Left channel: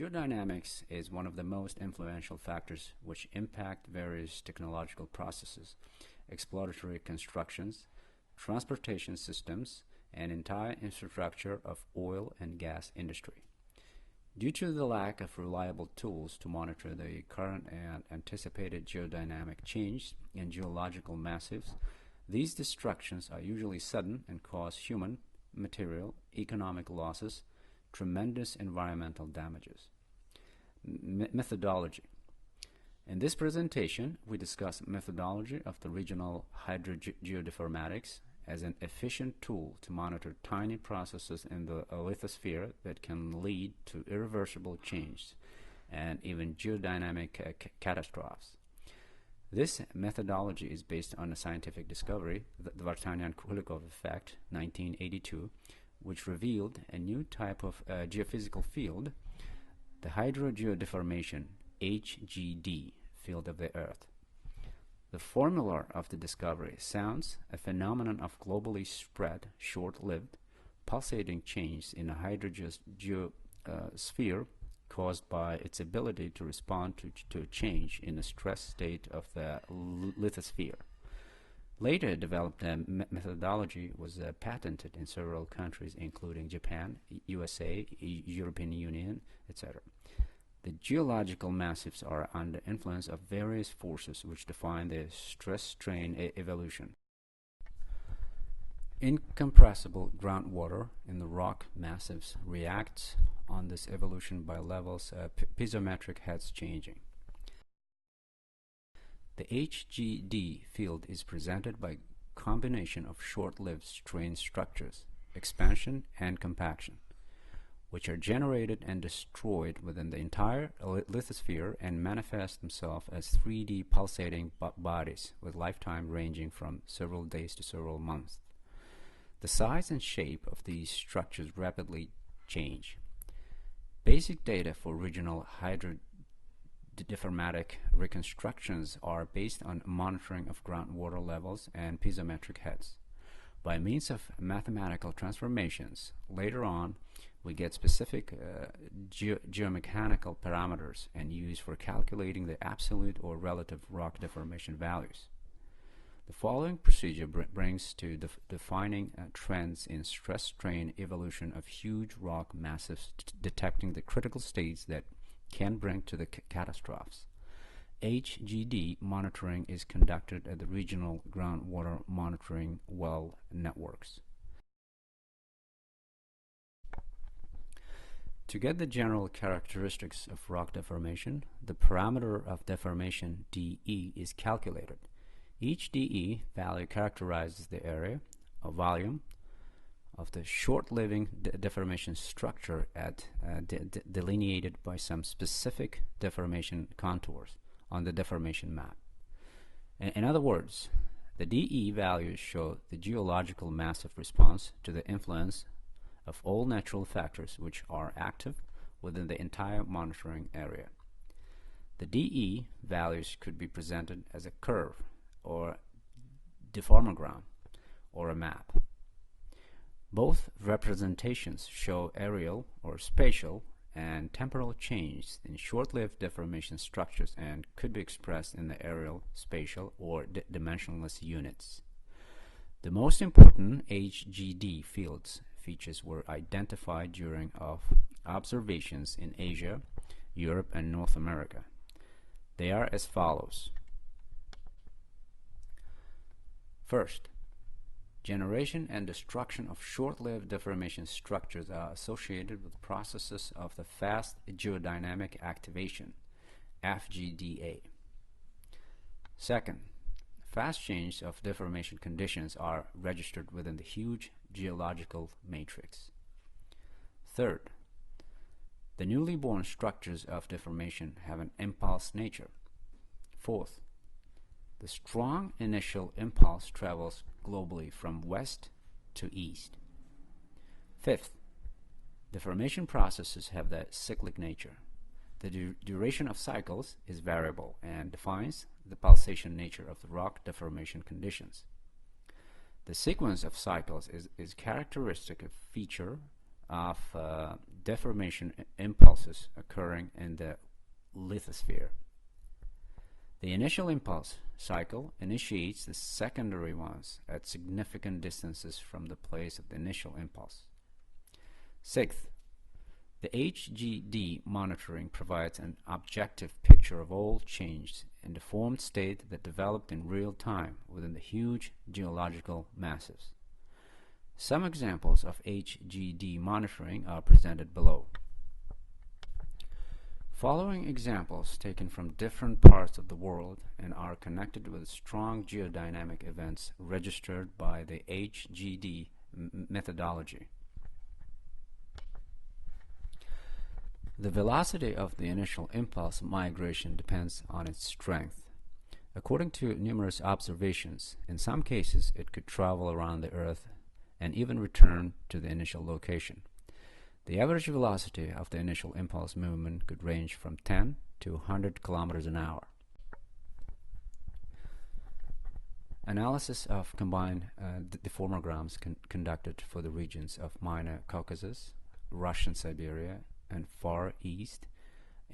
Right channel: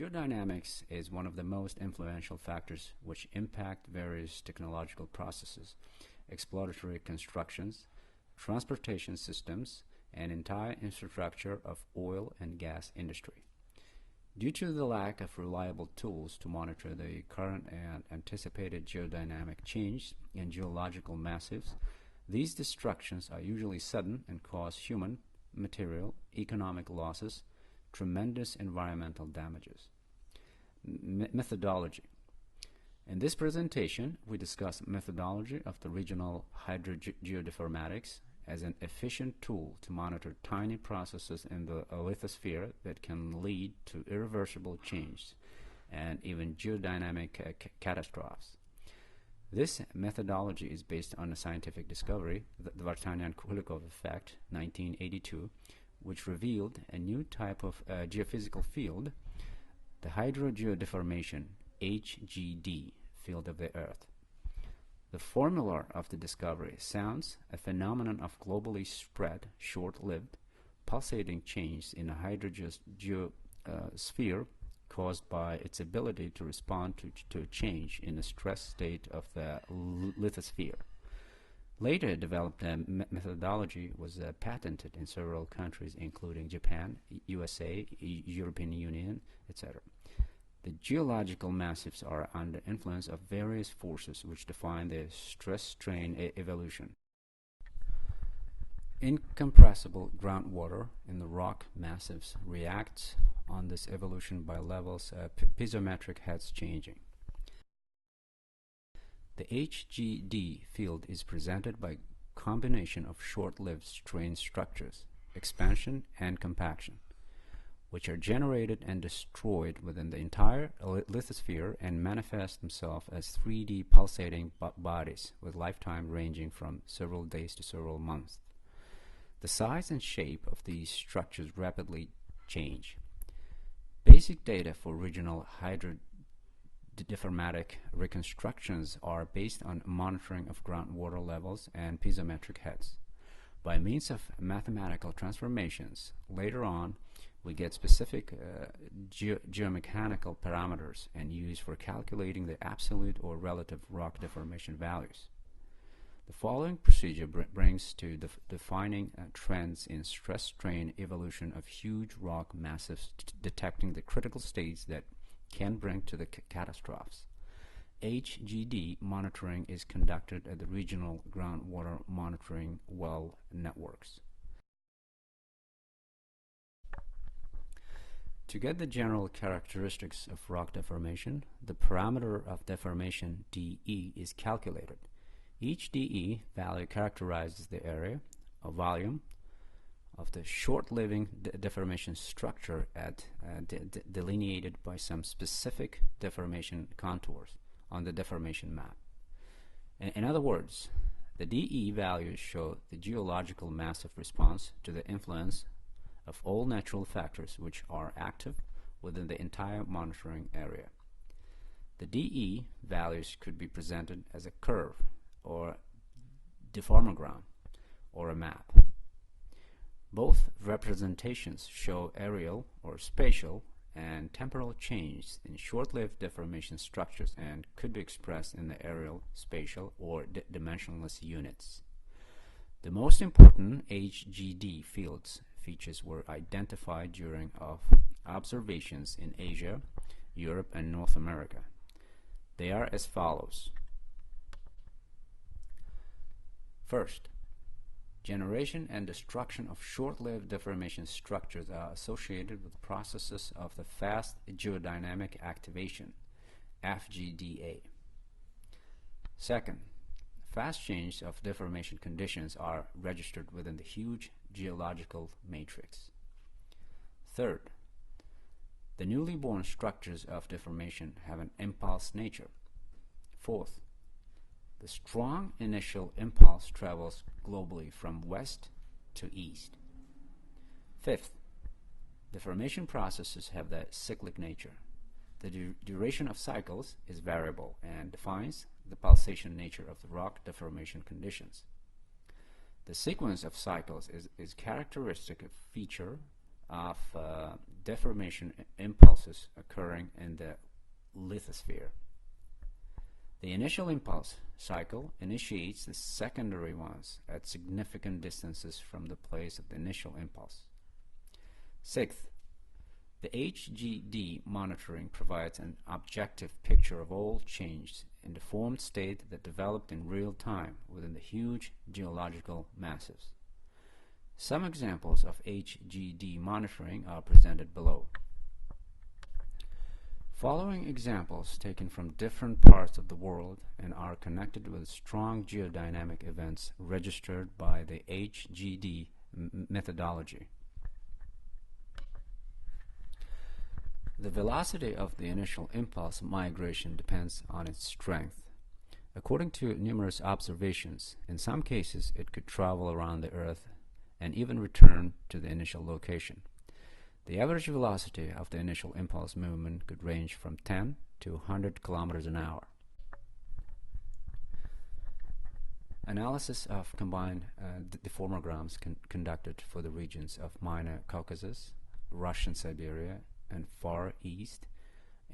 Geodynamics is one of the most influential factors which impact various technological processes, exploratory constructions, transportation systems, and entire infrastructure of oil and gas industry. Due to the lack of reliable tools to monitor the current and anticipated geodynamic change in geological massives, these destructions are usually sudden and cause human, material, economic losses, tremendous environmental damages. Methodology. In this presentation, we discuss methodology of the regional Hydro-Geodeformatics as an efficient tool to monitor tiny processes in the lithosphere that can lead to irreversible change and even geodynamic catastrophes. This methodology is based on a scientific discovery, the Vartanian-Kulikov effect, 1982, which revealed a new type of geophysical field, the Hydro-Geodeformation, HGD, field of the Earth. The formula of the discovery sounds a phenomenon of globally spread, short-lived, pulsating change in a hydrogeosphere caused by its ability to respond to a change in the stress state of the lithosphere. Later developed methodology was patented in several countries including Japan, USA, European Union, etc. The geological massives are under influence of various forces which define the stress-strain evolution. Incompressible groundwater in the rock massives reacts on this evolution by levels piezometric heads changing. The HGD field is presented by combination of short-lived strain structures, expansion and compaction, which are generated and destroyed within the entire lithosphere and manifest themselves as 3D pulsating bodies with lifetime ranging from several days to several months. The size and shape of these structures rapidly change. Basic data for regional hydrodeformatic reconstructions are based on monitoring of groundwater levels and piezometric heads. By means of mathematical transformations, later on we get specific geomechanical parameters and used for calculating the absolute or relative rock deformation values. The following procedure brings to defining trends in stress-strain evolution of huge rock massives, detecting the critical states that can bring to the catastrophes. HGD monitoring is conducted at the regional groundwater monitoring well networks. To get the general characteristics of rock deformation, the parameter of deformation dE is calculated. Each dE value characterizes the area or volume of the short-living deformation structure delineated by some specific deformation contours on the deformation map. In other words, the dE values show the geological massive response to the influence of all natural factors which are active within the entire monitoring area. The dE values could be presented as a curve or deformogram or a map. Both representations show areal or spatial and temporal change in short-lived deformation structures and could be expressed in the areal, spatial, or dimensionless units. The most important HGD features were identified during observations in Asia, Europe, and North America. They are as follows. First, generation and destruction of short-lived deformation structures are associated with processes of the Fast Geodynamic Activation, FGDA. Second, fast change of deformation conditions are registered within the huge geological matrix. Third, the newly born structures of deformation have an impulse nature. Fourth, the strong initial impulse travels globally from west to east. Fifth, deformation processes have the cyclic nature. The duration of cycles is variable and defines the pulsation nature of the rock deformation conditions. The sequence of cycles is characteristic feature of deformation impulses occurring in the lithosphere. The initial impulse cycle initiates the secondary ones at significant distances from the place of the initial impulse. Sixth, the HGD monitoring provides an objective picture of all changes in the formed state that developed in real time within the huge geological massives. Some examples of HGD monitoring are presented below. Following examples taken from different parts of the world and are connected with strong geodynamic events registered by the HGD methodology. The velocity of the initial impulse migration depends on its strength. According to numerous observations, in some cases it could travel around the Earth and even return to the initial location. The average velocity of the initial impulse movement could range from 10 to 100 kilometers an hour. Analysis of combined deformograms conducted for the regions of Minor Caucasus, Russian Siberia, and Far East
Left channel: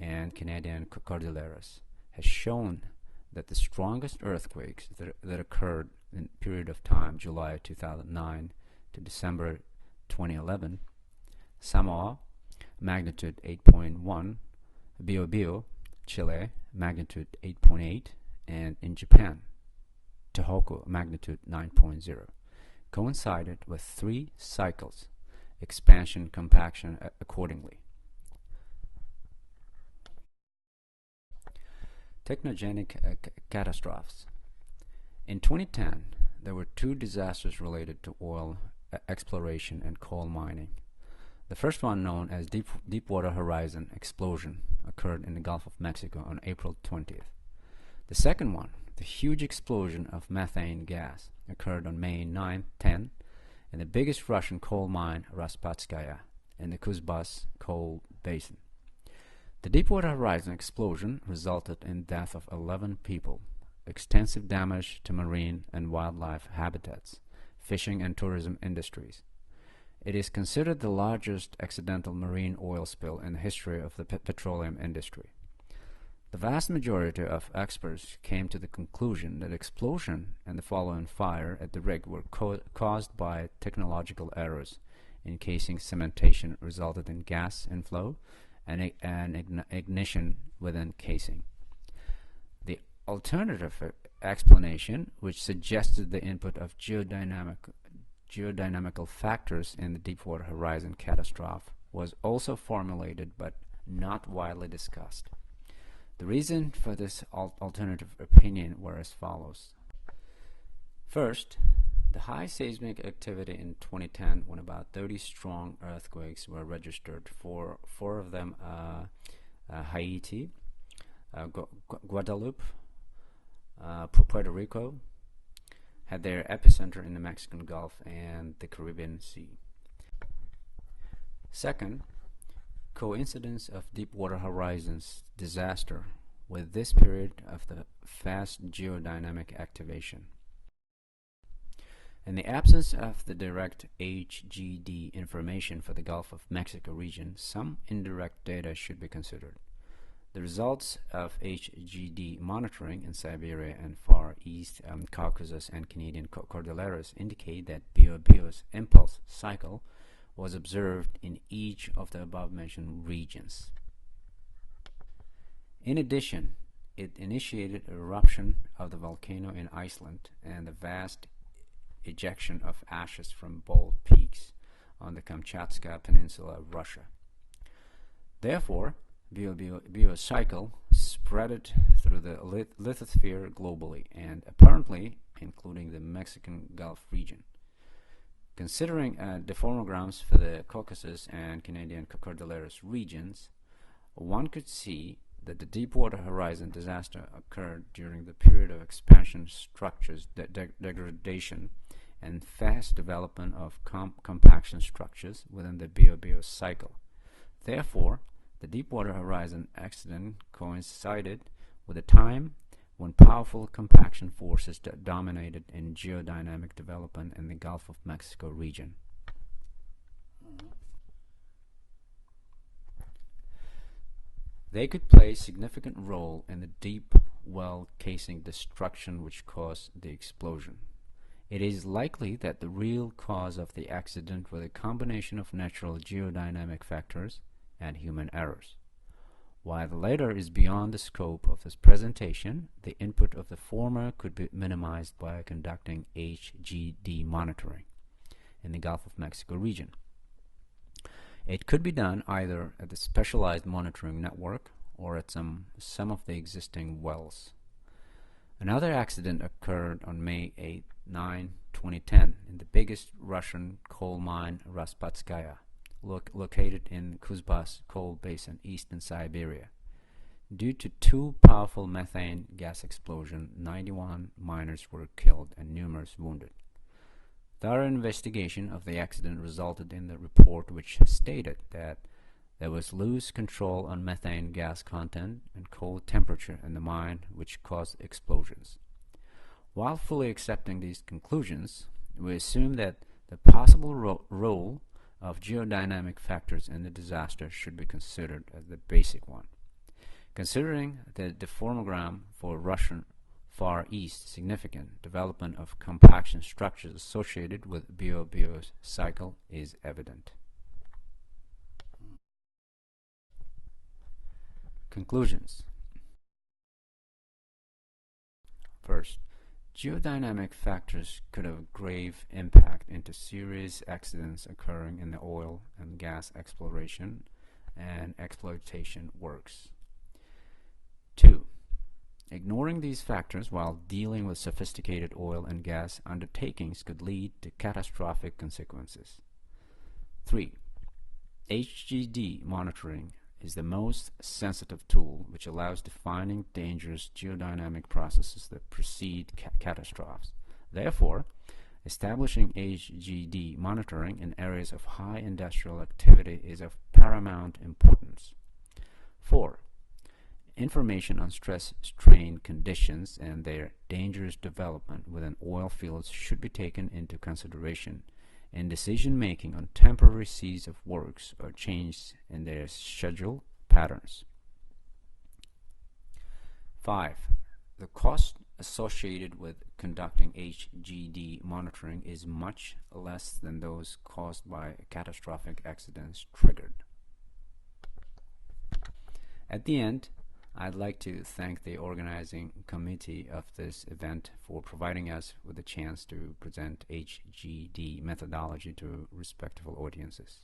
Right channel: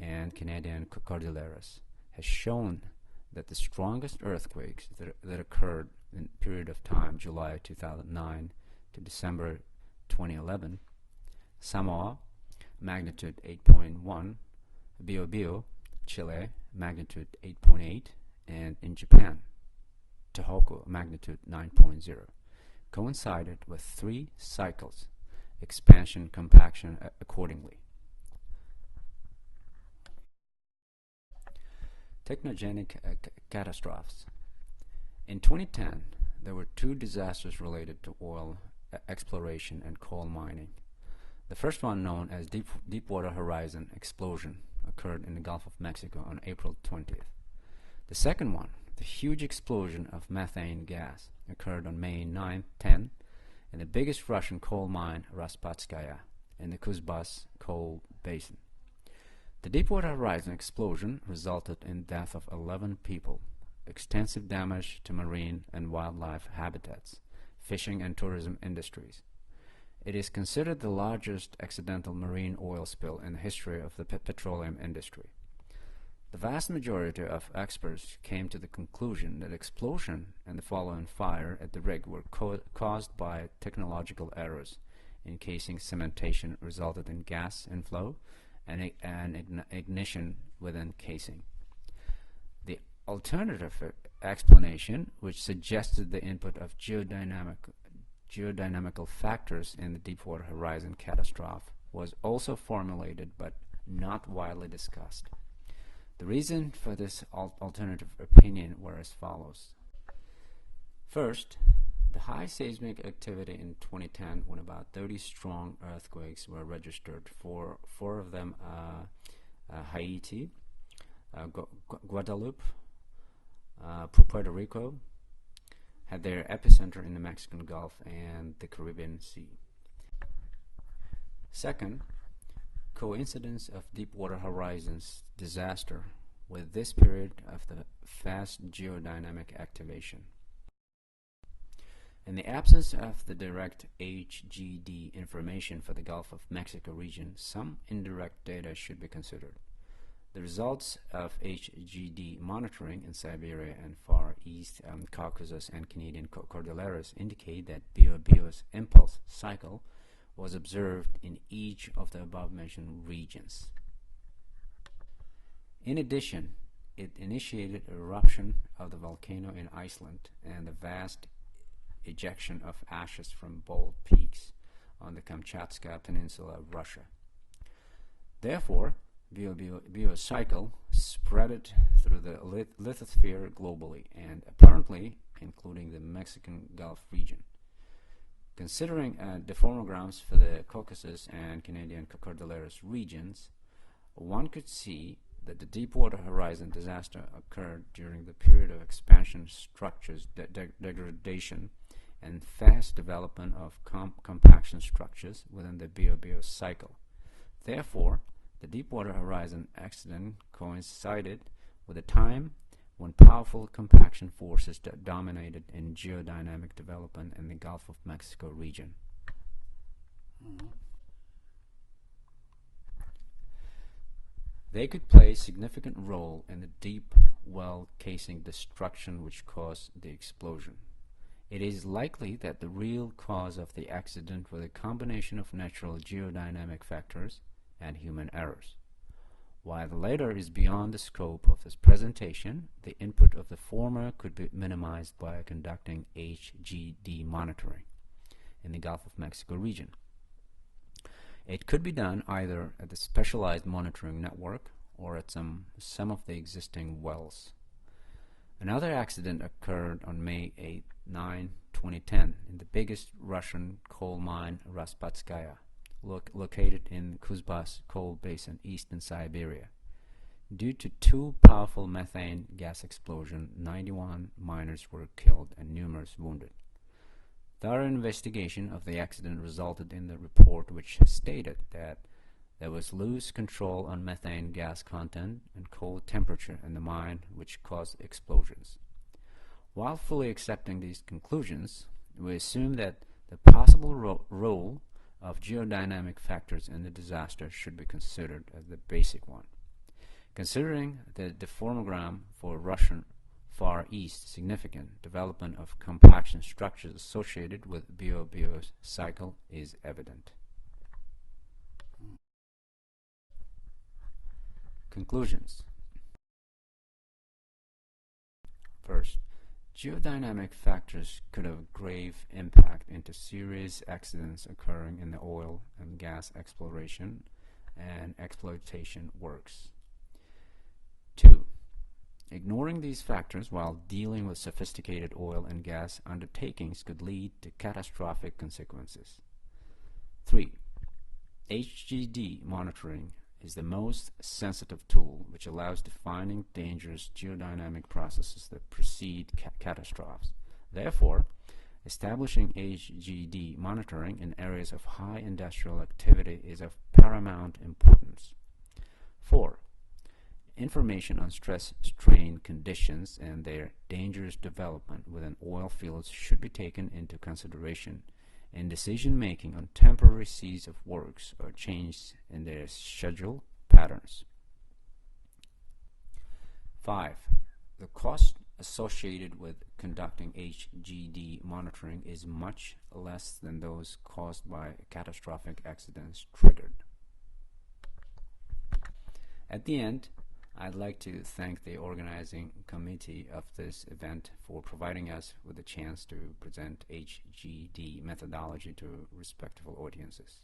and Canadian Cordilleras has shown that the strongest earthquakes that occurred in the period of time July 2009 to December 2011, Samoa, magnitude 8.1, Biobío, Chile, magnitude 8.8, and in Japan, Tohoku, magnitude 9.0, coincided with 3 cycles, expansion, compaction accordingly. Technogenic catastrophes. In 2010, there were 2 disasters related to oil exploration and coal mining. The first one, known as Deepwater Horizon explosion, occurred in the Gulf of Mexico on April 20th. The second one, the huge explosion of methane gas, occurred on May 9th, 10 in the biggest Russian coal mine, Raspatskaya, in the Kuzbass coal basin. The Deepwater Horizon explosion resulted in the death of 11 people, extensive damage to marine and wildlife habitats, fishing and tourism industries. It is considered the largest accidental marine oil spill in the history of the petroleum industry. The vast majority of experts came to the conclusion that explosion and the following fire at the rig were caused by technological errors in casing cementation resulted in gas inflow and ignition within casing. The alternative explanation, which suggested the input of geodynamical factors in the Deepwater Horizon catastrophe, was also formulated but not widely discussed. The reason for this alternative opinion were as follows. First, the high seismic activity in 2010, when about 30 strong earthquakes were registered, 4 of them Haiti, Guadeloupe, Puerto Rico, had their epicenter in the Mexican Gulf and the Caribbean Sea. Second, coincidence of Deepwater Horizon's disaster with this period of the Fast Geodynamic Activation. In the absence of the direct HGD information for the Gulf of Mexico region, some indirect data should be considered. The results of HGD monitoring in Siberia and Far East Caucasus and Canadian Cordilleras indicate that Biobío's impulse cycle was observed in each of the above-mentioned regions. In addition, it initiated eruption of the volcano in Iceland and the vast ejection of ashes from bold peaks on the Kamchatka Peninsula of Russia. Therefore, Biobío's cycle spread through the lithosphere globally and apparently including the Mexican Gulf region. Considering deformograms for the Caucasus and Canadian Cordilleras regions, one could see that the Deepwater Horizon disaster occurred during the period of expansion structures degradation and fast development of compaction structures within the Biobío cycle. Therefore, the Deepwater Horizon accident coincided with a time when powerful compaction forces dominated in geodynamic development in the Gulf of Mexico region. They could play a significant role in the deep well casing destruction which caused the explosion. It is likely that the real cause of the accident was a combination of natural geodynamic factors and human errors. While the latter is beyond the scope of this presentation, the input of the former could be minimized by conducting HGD monitoring in the Gulf of Mexico region. It could be done either at the specialized monitoring network or at some of the existing wells. Another accident occurred on May 9, 2010 in the biggest Russian coal mine Raspatskaya, located in Kuzbas coal basin, eastern Siberia. Due to two powerful methane gas explosions, 91 miners were killed and numerous wounded. Thorough investigation of the accident resulted in the report which stated that there was loose control on methane gas content and cold temperature in the mine which caused explosions. While fully accepting these conclusions, we assume that the possible role of geodynamic factors in the disaster should be considered as the basic one. Considering the deformogram for Russian Far East significant development of compaction structures associated with bio-bio cycle is evident. Conclusions. First, geodynamic factors could have grave impact into serious accidents occurring in the oil and gas exploration and exploitation works. 2. Ignoring these factors while dealing with sophisticated oil and gas undertakings could lead to catastrophic consequences. 3. HGD monitoring is the most sensitive tool which allows defining dangerous geodynamic processes that precede catastrophes. Therefore, establishing HGD monitoring in areas of high industrial activity is of paramount importance. 4. Information on stress-strain conditions and their dangerous development within oil fields should be taken into consideration in decision-making on temporary cease of works or changes in their schedule patterns. 5. The cost associated with conducting HGD monitoring is much less than those caused by catastrophic accidents triggered. At the end, I'd like to thank the organizing committee of this event for providing us with a chance to present HGD methodology to respectful audiences.